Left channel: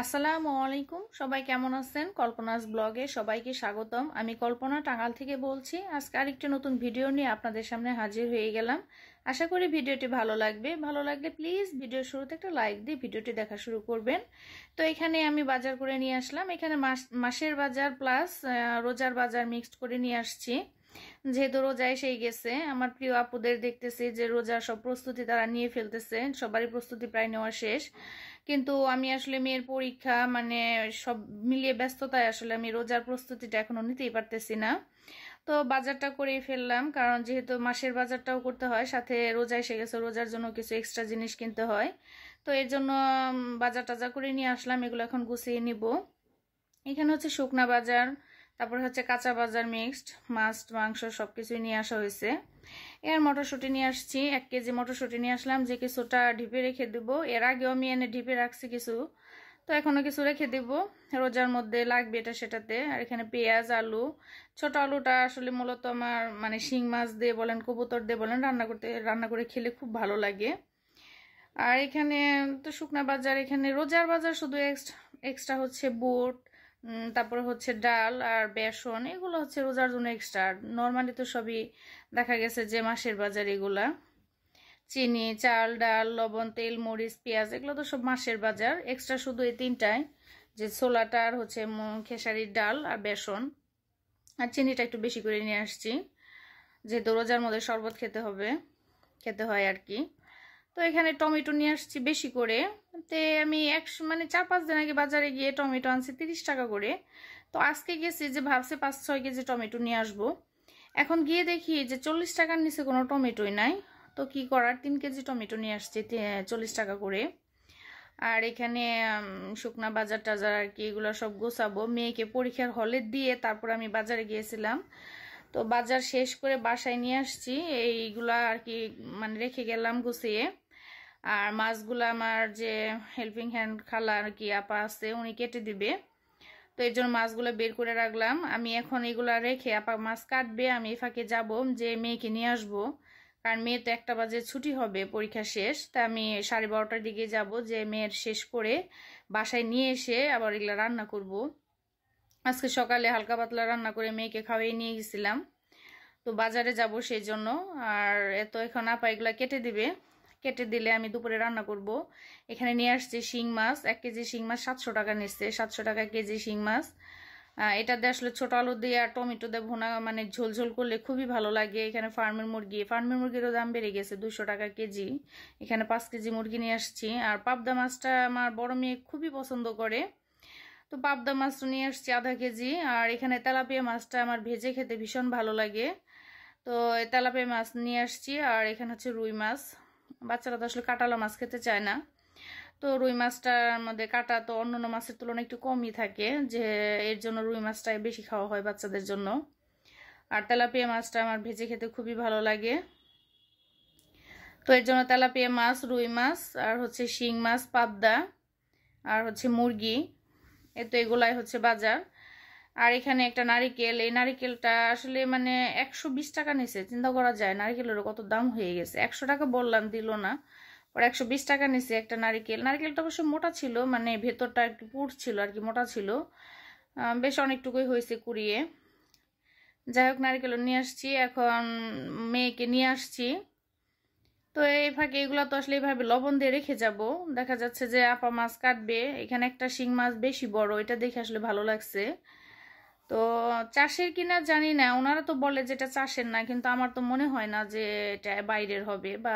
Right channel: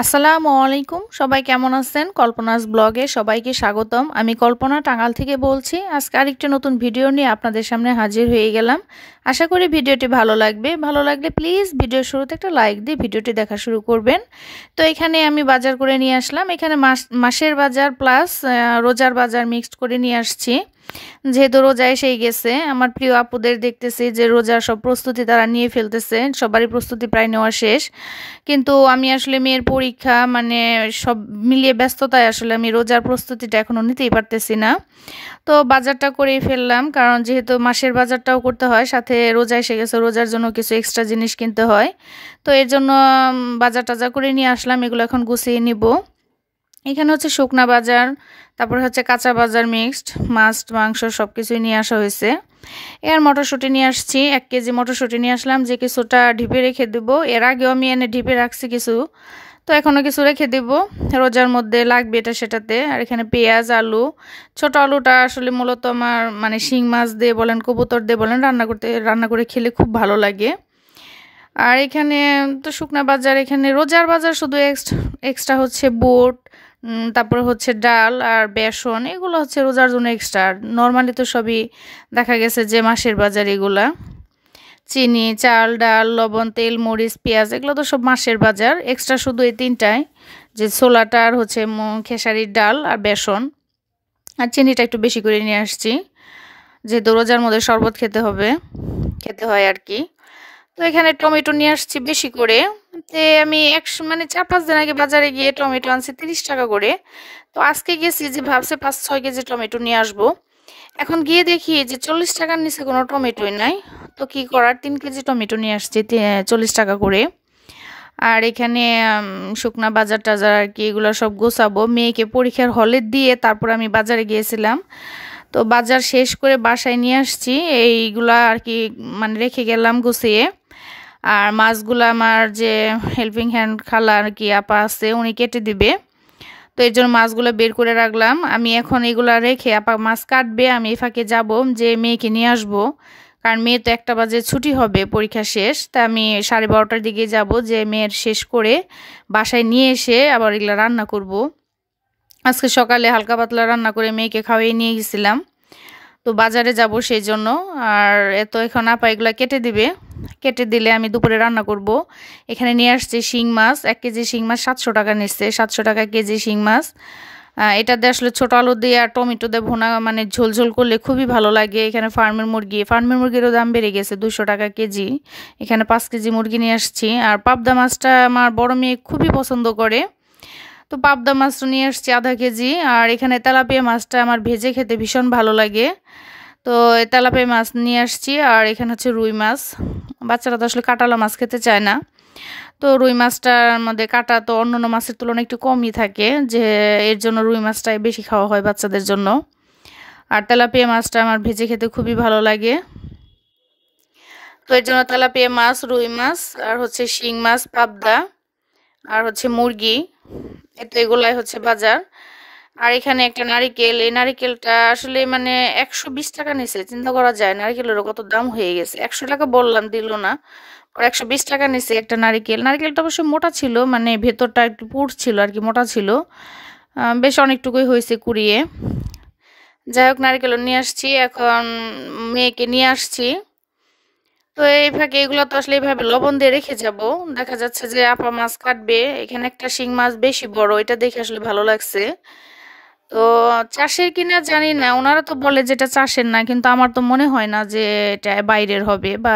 আসসালামু আলাইকুম। সবাই কেমন আছেন? কল্পনাস ব্লগে সবাইকে স্বাগতম। আমি কল্পনা টাঙ্গাল থেকে বলছি। আজকে আরেকটি নতুন ভিডিও নিয়ে আপনাদের সামনে হাজির হয়ে গেলাম। আশা করি ভিডিওটি ভালো লাগবে। ভালো লাগলে প্লিজ ভিডিওর শুরুতে একটা লাইক দিয়ে ভিডিওটি দেখা শুরু করবেন। তো এখানে আমি বাজার করে নিয়ে আসলাম। এখানে মাসের বাজার প্লাস রোজার বাজার মিক্সড করে নিয়ে আসছি। যেহেতু রোজা এসেই গেছে, আমার প্রিয় আপুদের দেখতেছি যে রোজার সব প্রস্তুতি তারা নিয়ে ফেলতেছে। সবারই প্রস্তুতি প্রায় নেওয়া শেষ, কিন্তু আমি আসলে মেয়ের পরীক্ষা মানে সব মিলিয়ে ব্যস্ততায় আসলে আমি রোজার প্রস্তুতিটা এখনও নিতেই পারতেছি না। তো বাজারটা করেই ফেললাম, কারণ যেহেতু মাসের বাজারটাও করতে হয়, সাথে রোজা এসে গেছে, রোজার জন্য কিছু এক্সট্রা জিনিস কিনতে হয়। তো এর জন্য বাজার টাজার করে নিয়ে আসলাম। এগুলো এখন গুছিয়ে নিব। এখানে হচ্ছে শুকনা বাজার, তারপর হচ্ছে কাঁচা বাজার মিক্সড, মাছ মাংস সব কিছুই নিয়ে আসা হয়েছে। এর মটরশুঁটি নিয়ে আসছি, 1 কেজি মটরশুঁটি নিয়ে আসলাম, যে কিছুটা ঢিপে রেখে দেবো। এর আগেও আমি এনে ঢিপে রাখছি কিছু, তো এখনও কিছু রেখে দেব, রোজার মধ্যে লাগবে এটা সেটাতে। আর এখানে পেঁয়াজ, আলু, ছোট আলুটা আসলে মূলত আমার মানে শিং মাছ দিয়ে বলেন, কবুতর দিয়ে বলেন, রান্না করে খেলে খুব ভালো লাগে। আর এখানে তো শুকনা বাজার, এখানে রোজার বাজার শুধু এক্সট্রা হচ্ছে বুট, তারপর হচ্ছে ডাল আর বেসন, এগুলো হচ্ছে রোজার জন্য এক্সট্রা। নর্মালি তো সবই দেখা গেছে যে মাসের বাজার। এগুলা চিনি, চাল, ডাল, লবণ, তেল, মরিচ, পেঁয়াজ, এগুলো তো সব মাসের বাজার। এক্সট্রা শুধু এই তিনটাই, যে ছোলাটা আর হচ্ছে খেসারির ডাল আর বেসন। আর চিনিটা একটু বেশি করে নিয়ে আসছি, যেহেতু রোজার মধ্যে শরবত খেতে হয় আর কি। তো এখানে টমেটো নিয়ে আসছি বেশি করে। আমি মানে 4-5 দিন আগে বাজারে গিয়ে টমেটো আনছি 30 টাকা করে। তো আজকে গেছি যে ভাবছে 5-6 কেজি টমেটো নিয়ে আসবো। এখন গিয়ে দেখি যে 40 টাকার নিচে কোনো টমেটোই নাই। তো কি করার, 3 কেজি টমেটো নিয়ে আসছি 40 টাকা করে। আর এখানে শুকনা বাজার টাজার আর কি, এগুলো সব গোছাবো। মেয়েকে পরীক্ষার হলে দিয়ে তারপর আমি বাজারে গিয়েছিলাম। তো বাজার শেষ করে বাসায় নিয়ে আসছি এইগুলা আর কি, মানে রেখে গেলাম গুছিয়ে। আর মাছগুলো আমার যে হেল্পিং হ্যান্ড খালা আর কি আপা আছে, উনি কেটে দিবে। তো এর জন্য মাছগুলো বের করে রাখলাম। আমি এখন এগুলা রেখে, আপা মাছ কাটবে, আমি এই ফাঁকে যাবো যে মেয়েকে নিয়ে আসবো। কারণ মেয়ে তো 1টা বাজে ছুটি হবে, পরীক্ষা শেষ। তা আমি 12:30টার দিকে যাব, যে মেয়ের শেষ করে বাসায় নিয়ে এসে আবার এগুলো রান্না করব। আজকে সকালে হালকা পাতলা রান্না করে মেয়েকে খাওয়াই নিয়ে গেছিলাম। তো বাজারে যাব সেই জন্য। আর এখন আপা এগুলা কেটে দিবে, কেটে দিলে আমি দুপুরে রান্না করব। এখানে নিয়ে আসছে শিং মাছ, 1 কেজি শিং মাছ 700 টাকা নিচ্ছে, 700 টাকা কেজি শিং মাছ। এটা দিয়ে আসলে ছোটো আলু দিয়ে আর টমেটো দিয়ে ভুনা মানে ঝোল ঝোল করলে খুবই ভালো লাগে। এখানে ফার্মের মুরগিরও দাম বেড়ে গেছে, 200 টাকা কেজি। এখানে 5 কেজি মুরগি নিয়ে আসছি। আর পাবদা মাছটা আমার বড় মেয়ে খুবই পছন্দ করে, তো পাবদা মাছটা নিয়ে আসছি আধা 1 কেজি। আর এখানে তেলাপিয়া মাছটা আমার ভেজে খেতে ভীষণ ভালো লাগে, তো এই তেলাপিয়া মাছ নিয়ে আসছি। আর এখানে হচ্ছে রুই মাছ, বাচ্চারা তো আসলে কাঁটালা মাছ খেতে চায় না। তো রুই মাছটার মধ্যে কাঁটা তো অন্যান্য মাছের তুলনায় একটু কমই থাকে, যে এর জন্য রুই মাছটাই বেশি খাওয়া হয় বাচ্চাদের জন্য। আর তেলাপিয়া মাছটা আমার ভেজে খেতে খুবই ভালো লাগে। তো এর জন্য তেলাপিয়া মাছ, রুই মাছ, আর হচ্ছে শিং মাছ, পাবদা, আর হচ্ছে মুরগি, এগুলাই হচ্ছে বাজার। আর এখানে একটা নারিকেল, এই নারিকেলটা আসলে মানে 120 টাকা নিছে, চিন্তা করা যায় নারিকেলেরও কত দাম হয়ে গেছে। 100 টাকা বললাম, দিল না। আর 120 টাকা নিছে একটা নারিকেলটা অবশ্য মোটা ছিল, মানে ভেতরটা একটু পুড় ছিল আর কি, মোটা ছিল। বেশ অনেকটুকুই হয়েছে কুড়িয়ে। যাই হোক, নারিকেলও নিয়ে আসছি, এখন মেয়েকে নিয়ে আসছি। তো এই ফাঁকে এগুলো তো আসলে এইভাবে লবণ দিয়ে রেখে যাব। দেখা যাচ্ছে যে আপা মাছ কাটবে, এখানে একটা শিং মাছ বেশি বড়, এটা দেখে আসলে ভালো লাগছে। তো চাষের কিনা জানি না, ওনারা তো বলে যেটা চাষের না, কিন্তু আমার তো মনে হয় না যে এটা বাইরের হবে, বা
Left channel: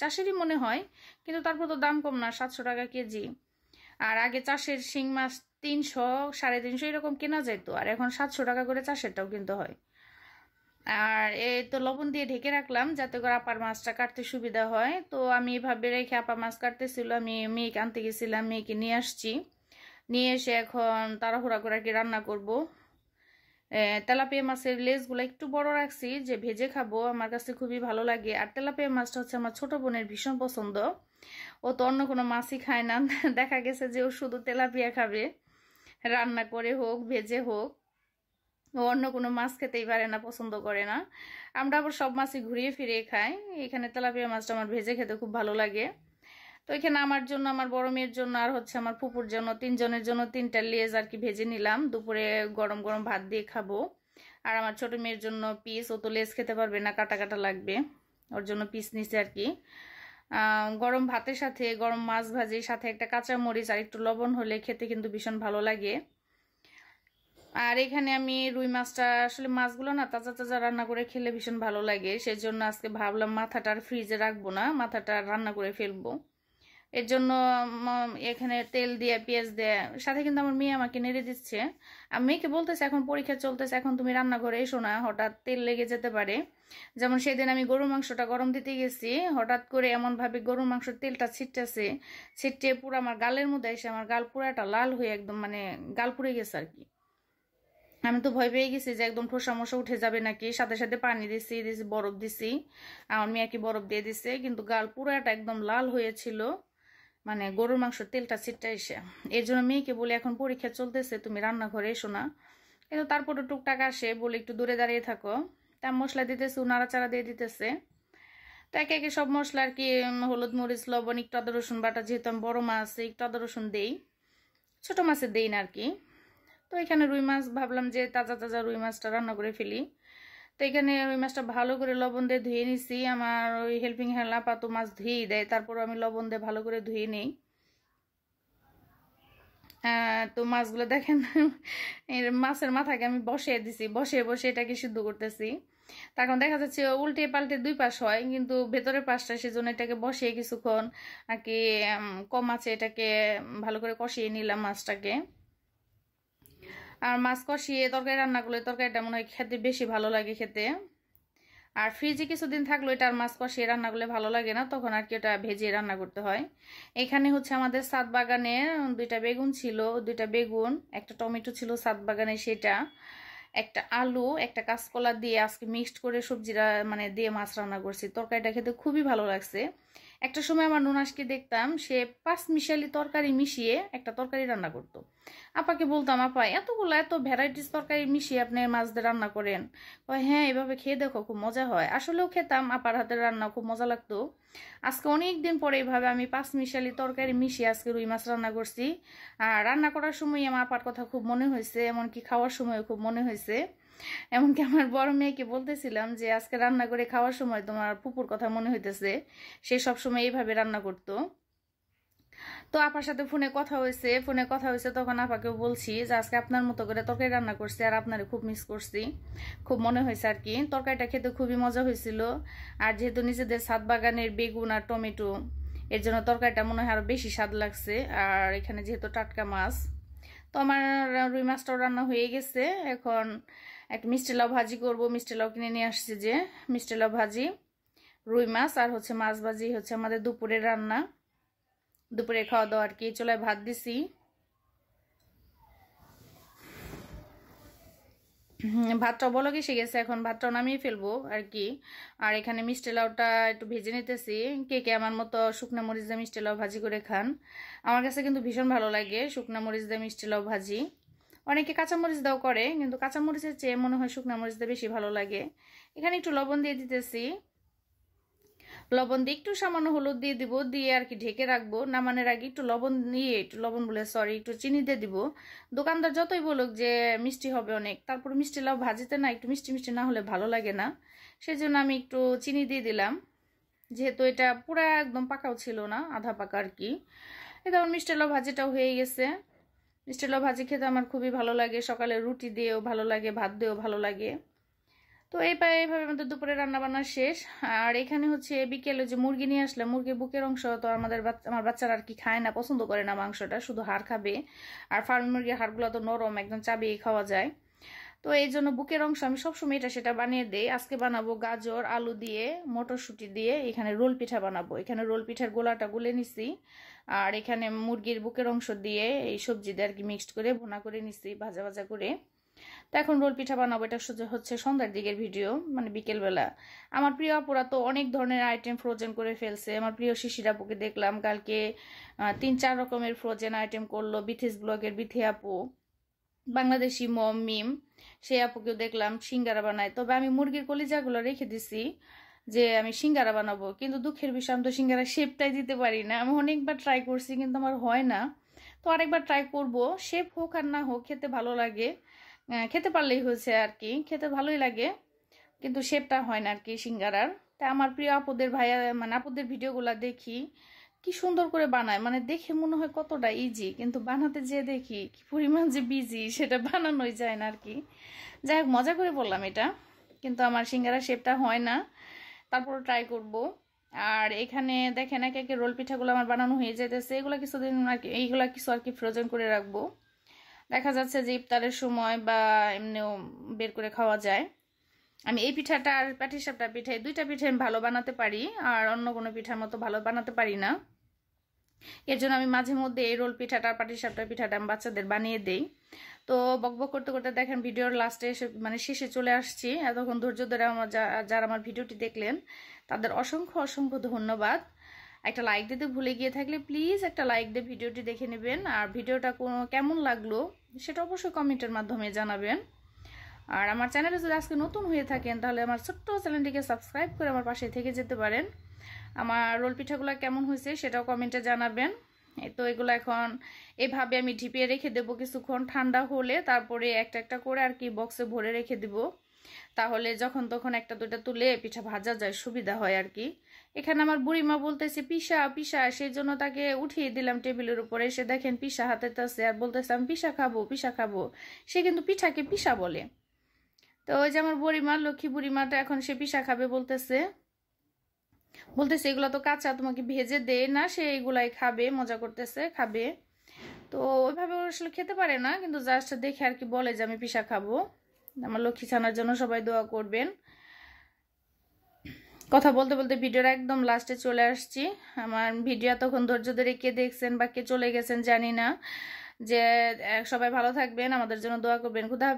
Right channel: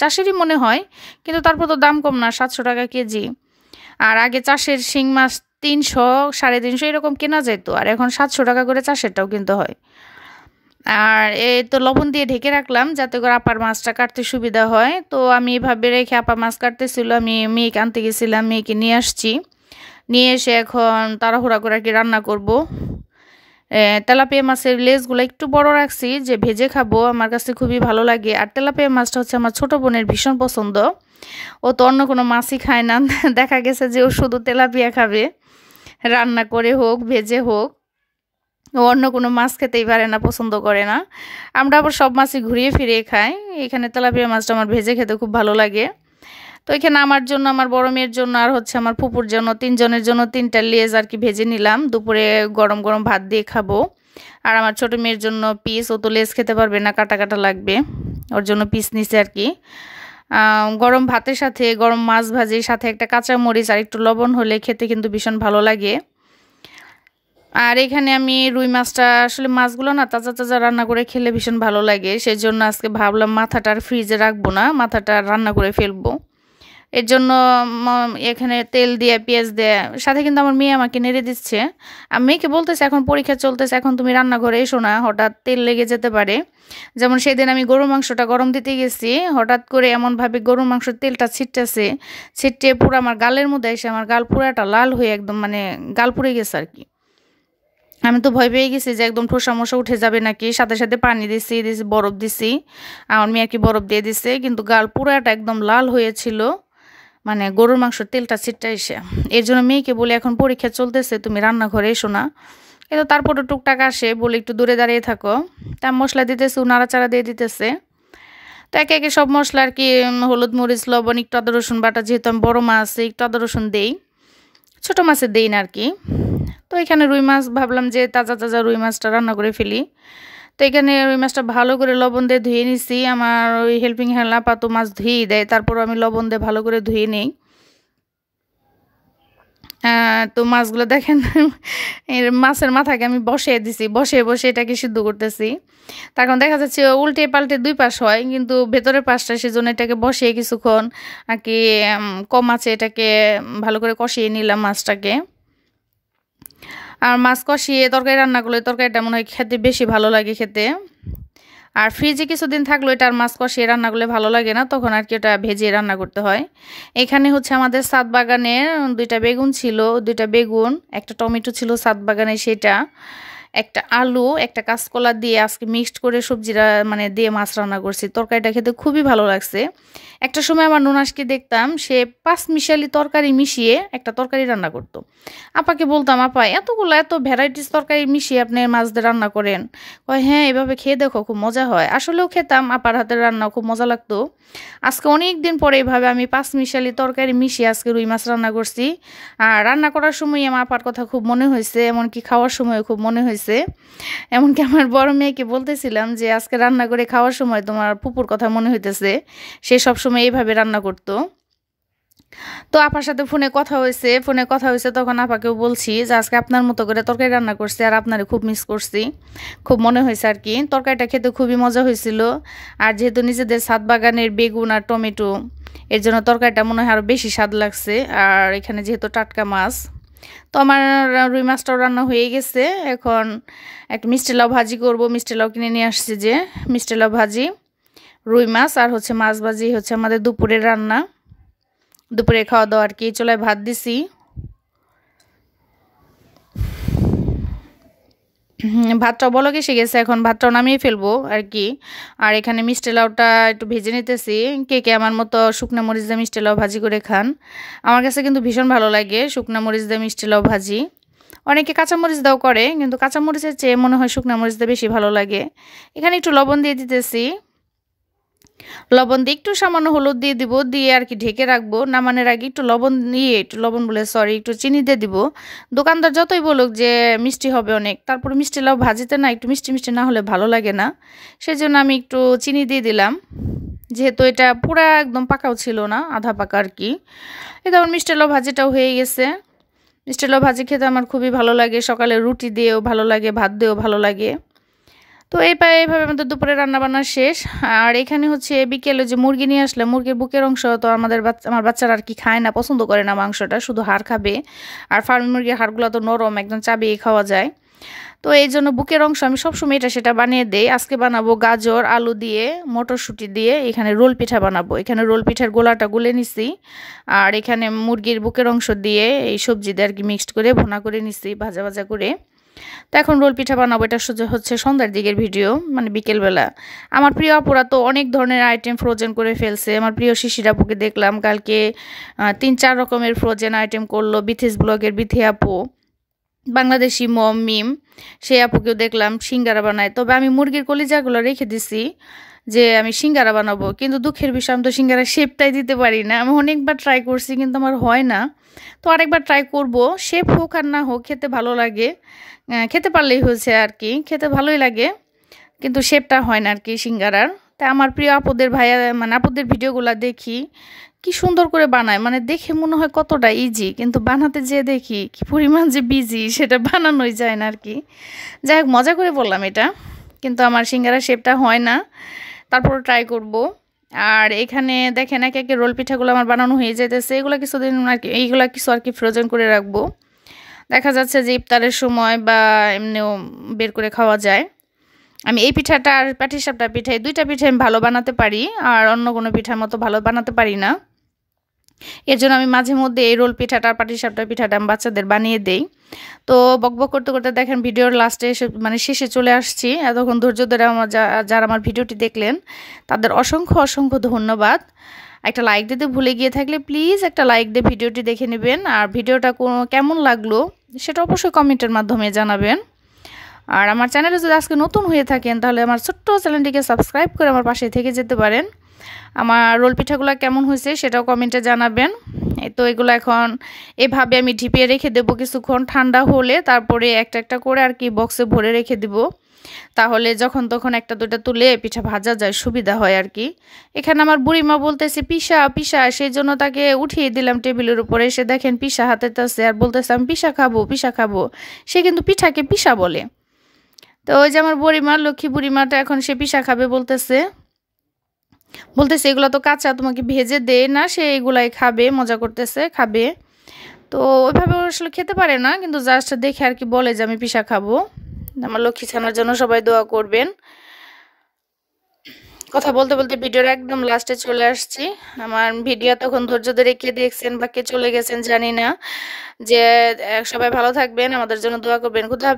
চাষেরই মনে হয়। কিন্তু তারপর তো দাম কম না, 700 টাকা কেজি। আর আগে চাষের শিং মাছ 300, 350 এরকম কেনা যেত, আর এখন 700 টাকা করে চাষেরটাও কিনতে হয়। আর এই তো লবণ দিয়ে ঢেকে রাখলাম যাতে করে আপার মাছটা কাটতে সুবিধা হয়। তো আমি এভাবে রেখে, আপা মাছ কাটতেছিল, আমি মেয়েকে আনতে গেছিলাম, মেয়েকে নিয়ে আসছি। নিয়ে এসে এখন তাড়াহুড়া করে আর কি রান্না করব। তেলাপিয়া মাছের লেজগুলো একটু বড় রাখছি, যে ভেজে খাবো, আমার কাছে খুবই ভালো লাগে। আর তেলাপিয়া মাছটা হচ্ছে আমার ছোট বোনের ভীষণ পছন্দ, ও তো অন্য কোনো মাছই খায় না। দেখা গেছে যে ও শুধু তেলাপিয়া খাবে, রান্না করে হোক ভেজে হোক, ও অন্য কোনো মাছ খেতেই পারে না, পছন্দ করে না। আমরা আবার সব মাছই ঘুরিয়ে ফিরিয়ে খাই। এখানে তেলাপিয়া মাছটা আমার ভেজে খেতে খুব ভালো লাগে। তো এখানে আমার জন্য, আমার বড় মেয়ের জন্য আর হচ্ছে আমার ফুপুর জন্য, 3 জনের জন্য 3টা লেজ আর কি ভেজে নিলাম। দুপুরে গরম গরম ভাত দিয়ে খাবো। আর আমার ছোট মেয়ের জন্য পিস, ও তো লেজ খেতে পারবে না, কাটা কাটা লাগবে, ওর জন্য পিস নিছে আর কি। গরম ভাতের সাথে গরম মাছ ভাজির সাথে একটা কাঁচা মরিচ আর একটু লবণ হলে খেতে কিন্তু ভীষণ ভালো লাগে। আর এখানে আমি রুই মাছটা, আসলে মাছগুলো না তাজা তাজা রান্না করে খেলে ভীষণ ভালো লাগে, সেই জন্য আজকে ভাবলাম মাথাটা আর ফ্রিজে রাখবো না, মাথাটা রান্না করে ফেলবো। এর জন্য এখানে তেল দিয়ে পেঁয়াজ দিয়ে, সাথে কিন্তু আমার মেয়ে আমাকে নেড়ে দিচ্ছে। আমি মেয়েকে বলতেছে এখন পরীক্ষা চলতেছে, এখন তুমি রান্নাঘরে এসো না, হঠাৎ তেল লেগে যেতে পারে। যেমন সেদিন আমি গরুর মাংসটা গরম দিতে গেছি, হঠাৎ করে এমনভাবে গরুর মাংসের তেলটা ছিটতে পুরো আমার গালের মধ্যে এসে আমার গাল পুরাটা লাল হয়ে একদম মানে গাল পুড়ে গেছে আর কি। আমি তো ভয় পেয়ে গেছি যে একদম ঠোসা মোসা উঠে যাবে নাকি, সাথে সাথে পানি দিছি, বরফ দিছি, আমার মেয়ে আর কি বরফ দিয়ে দিছে, কিন্তু গাল পুরাটা একদম লাল হয়েছিল, মানে গরুর মাংসের তেলটা ছিটটা এসে। এর জন্য মেয়েকে বলে এখন পরীক্ষা চলতেছে, তুমি রান্নাঘরে এসো না। কিন্তু তারপরে টুকটাক আসে, বলে একটু দূরে দাঁড়িয়ে থাকো। তা মশলা দিতেছে, নাড়াচাড়া দিয়ে দিতেছে। তো একে একে সব মশলা আর কি, হলুদ মরিচ লবণ একটু আদা রসুন বাটা, যেহেতু আমি বড়ো মাছ একটু আদা রসুন দেই, ছোটো মাছের দেই না আর কি। তো এখানে রুই মাছ ভাবলাম যে তাজা তাজা রুই মাছটা রান্না করে ফেলি। তো এখানে রুই মাছটা ভালো করে লবণ দিয়ে ধুয়ে নিছি। আমার ওই হেল্পিং হ্যান্ড আপা তো মাছ ধুয়েই দেয়, তারপর আমি লবণ দিয়ে ভালো করে ধুয়ে নিই। তো মাছগুলো দেখেন মাছের মাথাকে আমি বসিয়ে দিছি, বসে বসে এটাকে সিদ্ধ করতেছি। তখন দেখা যাচ্ছে উল্টে পাল্টে 2 পাশ হয়, কিন্তু ভেতরের পাশটা, সেজন্য এটাকে বসিয়ে কিছুক্ষণ আর কি কম আছে এটাকে ভালো করে কষিয়ে নিলাম মাছটাকে। আর মাছ কষিয়ে তরকারি রান্না করলে তরকারিটা মনে হয় খেতে বেশি ভালো লাগে খেতে। আর ফ্রিজে কিছুদিন থাকলো এটা আর মাছ কষিয়ে রান্না করলে ভালো লাগে না, তখন আর কি ওটা ভেজে রান্না করতে হয়। এখানে হচ্ছে আমাদের ছাদ বাগানের 2টা বেগুন ছিল, 2টা বেগুন, একটা টমেটো ছিল ছাদ বাগানে, সেটা একটা আলু, একটা কাঁচকলা দিয়ে আজকে মিক্সড করে সবজিরা মানে দিয়ে মাছ রান্না করছি। তরকারিটা খেতে খুবই ভালো লাগছে। একটা সময় আমার ননাসকে দেখতাম সে 5 মিশালি তরকারি মিশিয়ে একটা তরকারি রান্না করতো। আপাকে বলতাম, আপা এত ভ্যারাইটিস তরকারি মিশিয়ে আপনি মাছ দিয়ে রান্না করেন? কয় হ্যাঁ, এভাবে খেয়ে দেখো, খুব মজা হয়। আসলেও খেতাম, আপার হাতের রান্না খুব মজা লাগতো। আজকে অনেক দিন পরে এভাবে আমি 5 মিশালি তরকারি মিশিয়ে আজকে রুই মাছ রান্না করছি। আর রান্না করার সময় আমার আপার কথা খুব মনে হয়েছে, এমনকি খাওয়ার সময় খুব মনে হয়েছে। এমনকি আমার বড় মেয়েকে বলতেছিলাম যে আজকে রান্না করে খাওয়ার সময় তোমার ফুপুর কথা মনে হইতেছে, সে সবসময় এইভাবে রান্না করতো। তো আপার সাথে ফোনে কথা হয়েছে, তখন আপাকেও বলছি যে আজকে আপনার মতো করে তরকারি রান্না করছি, আর আপনারে খুব মিস করছি, খুব মনে হয়েছে আর কি। তরকারিটা খেতে খুবই মজা হয়েছিল। আর যেহেতু নিজেদের ছাদ বাগানের বেগুন আর টমেটো, এর জন্য তরকারিটা মনে হয় আরও বেশি স্বাদ লাগছে। আর এখানে যেহেতু টাটকা মাছ, তো আমার রুই মাছটাও রান্না হয়ে গেছে। এখন একটা মিষ্টি লাউ ভাজি করব, মিষ্টি লাউ কিনে নিয়ে আসছি, যে মিষ্টি লাউ ভাজি, রুই মাছ আর হচ্ছে মাছ ভাজি হচ্ছে আমাদের দুপুরের রান্না, দুপুরে খাওয়া দাওয়া আর কি। চুলায় ভাত দিছি, ভাতটাও বলক এসে গেছে, এখন ভাতটাও নামিয়ে ফেলবো আর কি। আর এখানে মিষ্টি লাউটা একটু ভেজে নিতেছি। কে কে আমার মতো শুকনো মরিচ দিয়ে মিষ্টি লাউ ভাজি করে খান? আমার কাছে কিন্তু ভীষণ ভালো লাগে শুকনো মরিচ দিয়ে মিষ্টি লাউ ভাজি। অনেকে কাঁচামরিচ দাও করে, কিন্তু কাঁচামরিচের চেয়ে মনে হয় শুকনো মরিচ দিয়ে বেশি ভালো লাগে। এখানে একটু লবণ দিয়ে দিতেছি, লবণ দিয়ে একটু সামান্য হলুদ দিয়ে দিব, দিয়ে আর কি ঢেকে রাখবো। নামানোর আগে একটু লবণ বলে সরি, একটু চিনি দিয়ে দিব। দোকানদার যতই বলুক যে মিষ্টি হবে অনেক, তারপরে মিষ্টি লাউ ভাজিতে না একটু মিষ্টি মিষ্টি না হলে ভালো লাগে না, সেই জন্য আমি একটু চিনি দিয়ে দিলাম। যেহেতু এটা পুরা একদম পাকাও ছিল না, আধা পাকা আর কি। এই তখন মিষ্টি লাউ ভাজিটাও হয়ে গেছে। মিষ্টি লাউ ভাজি খেতে আমার খুবই ভালো লাগে, সকালে রুটি দিয়েও ভালো লাগে, ভাত দিয়েও ভালো লাগে। তো এইভাবে আমাদের দুপুরে রান্নাবান্না শেষ। আর এখানে হচ্ছে বিকেলে যে মুরগি নিয়ে আসলে, মুরগির বুকের অংশ তো আমার বাচ্চারা আর কি খায় না, পছন্দ করে না মাংসটা, শুধু হাড় খাবে। আর ফার্মি মুরগির হাড়গুলো তো নরম, একদম চাবিয়ে খাওয়া যায়। তো এই জন্য বুকের অংশ আমি সবসময় এটা সেটা বানিয়ে দেই। আজকে বানাবো গাজর আলু দিয়ে, মটরশুঁটি দিয়ে এখানে রোল পিঠা বানাবো। এখানে রোল পিঠার গোলাটা গুলে নিছি, আর এখানে মুরগির বুকের অংশ দিয়ে এই সবজি দিয়ে আর কি মিক্সড করে ভুনা করে নিছি ভাজা ভাজা করে। তো এখন রোল পিঠা বানাবো। এটা হচ্ছে সন্ধ্যার দিকের ভিডিও, মানে বিকেলবেলা। আমার প্রিয় আপুরা তো অনেক ধরনের আইটেম ফ্রোজেন করে ফেলছে। আমার প্রিয় শিশির আপুকে দেখলাম কালকে 3-4 রকমের ফ্রোজেন আইটেম করলো। বিথিস ব্লগের বিথি আপু, বাংলাদেশি মিম, সেই আপুকেও দেখলাম সিঙ্গারা বানায়। তবে আমি মুরগির কলিজাগুলো রেখে দিছি, যে আমি সিঙ্গারা বানাবো, কিন্তু দুঃখের বিষয় আমি তো সিঙ্গারা শেপটাই দিতে পারি না। আমি অনেকবার ট্রাই করছি কিন্তু আমার হয় না। তো আরেকবার ট্রাই করব, শেপ হোক আর না হোক খেতে ভালো লাগে, খেতে পারলেই হয়েছে আর কি, খেতে ভালোই লাগে কিন্তু শেপটা হয় না আর কি সিঙ্গারার। তাই আমার প্রিয় আপুদের ভাইয়া মানে আপুদের ভিডিওগুলো দেখি কি সুন্দর করে বানায়, মানে দেখে মনে হয় কতটা ইজি, কিন্তু বানাতে যেয়ে দেখি কি পরিমাণ যে বিজি, সেটা বানানোই যায় না আর কি। যাই হোক, মজা করে বললাম এটা, কিন্তু আমার সিঙ্গারা শেপটা হয় না, তারপর ট্রাই করব। আর এখানে দেখেন একে একে রোল পিঠাগুলো আমার বানানো হয়ে যাইতেছে, এগুলো কিছুদিন আর কি, এইগুলো কিছু আর কি ফ্রোজেন করে রাখবো, দেখা যাচ্ছে যে ইফতারের সময় বা এমনিও বের করে খাওয়া যায়। আমি এই পিঠাটা আর পাটিসাপটা পিঠাই, দুইটা পিঠা আমি ভালো বানাতে পারি, আর অন্য কোনো পিঠার মতো ভালো বানাতে পারি না। এর জন্য আমি মাঝে মধ্যে এই রোল পিঠাটা আর পাটিসাপটা পিঠাটা আমি বাচ্চাদের বানিয়ে দেই। তো বকবক করতে করতে দেখেন ভিডিওর লাস্টে এসে মানে শেষে চলে আসছি। এতক্ষণ ধৈর্য ধরে আমার যারা আমার ভিডিওটি দেখলেন তাদের অসংখ্য অসংখ্য ধন্যবাদ। একটা লাইক দিতে ভুলে গিয়ে থাকলে প্লিজ একটা লাইক দিয়ে ভিডিওটি দেখে নেবেন, আর ভিডিওটা কেমন লাগলো সেটা অবশ্যই কমেন্টের মাধ্যমে জানাবেন। আর আমার চ্যানেলে যদি আজকে নতুন হয়ে থাকেন তাহলে আমার ছোট্ট চ্যানেলটিকে সাবস্ক্রাইব করে আমার পাশে থেকে যেতে পারেন। আমার রোল পিঠাগুলো কেমন হয়েছে সেটাও কমেন্টে জানাবেন। এই তো এগুলো এখন এভাবে আমি ঢিপিয়ে রেখে দেবো কিছুক্ষণ, ঠান্ডা হলে তারপরে একটা একটা করে আর কি বক্সে ভরে রেখে দিব, তাহলে যখন তখন একটা দুটা তুলে পিঠা ভাজা যায়, সুবিধা হয় আর কি। এখানে আমার বুড়িমা বলতেছে পিসা পিসা, সেই জন্য তাকে উঠিয়ে দিলাম টেবিলের উপরে। এসে দেখেন পিসা হাতেতেছে আর বলতেছে আমি পিসা খাবো পিসা খাবো, সে কিন্তু পিঠাকে পিসা বলে। তো ওই যে আমার বুড়িমা, লক্ষ্মী বুড়িমাটা এখন সে পিসা খাবে বলতেছে, বলতেছে এগুলো তো কাঁচা, তোমাকে ভেজে দে না, সে এগুলাই খাবে, মজা করতেছে খাবে। তো ওইভাবে আসলে খেতে পারে না, কিন্তু জাস্ট দেখে আর কি বলে যে আমি পিসা খাবো। আমার লক্ষ্মী ছানার জন্য সবাই দোয়া করবেন। কথা বলতে বলতে ভিডিওর একদম লাস্টে চলে আসছি। আমার ভিডিও তখন ধৈর্য ধরে কে দেখছেন বা কে চলে গেছেন জানি না। যে সবাই ভালো থাকবেন, আমাদের জন্য দোয়া করবেন। কোথাও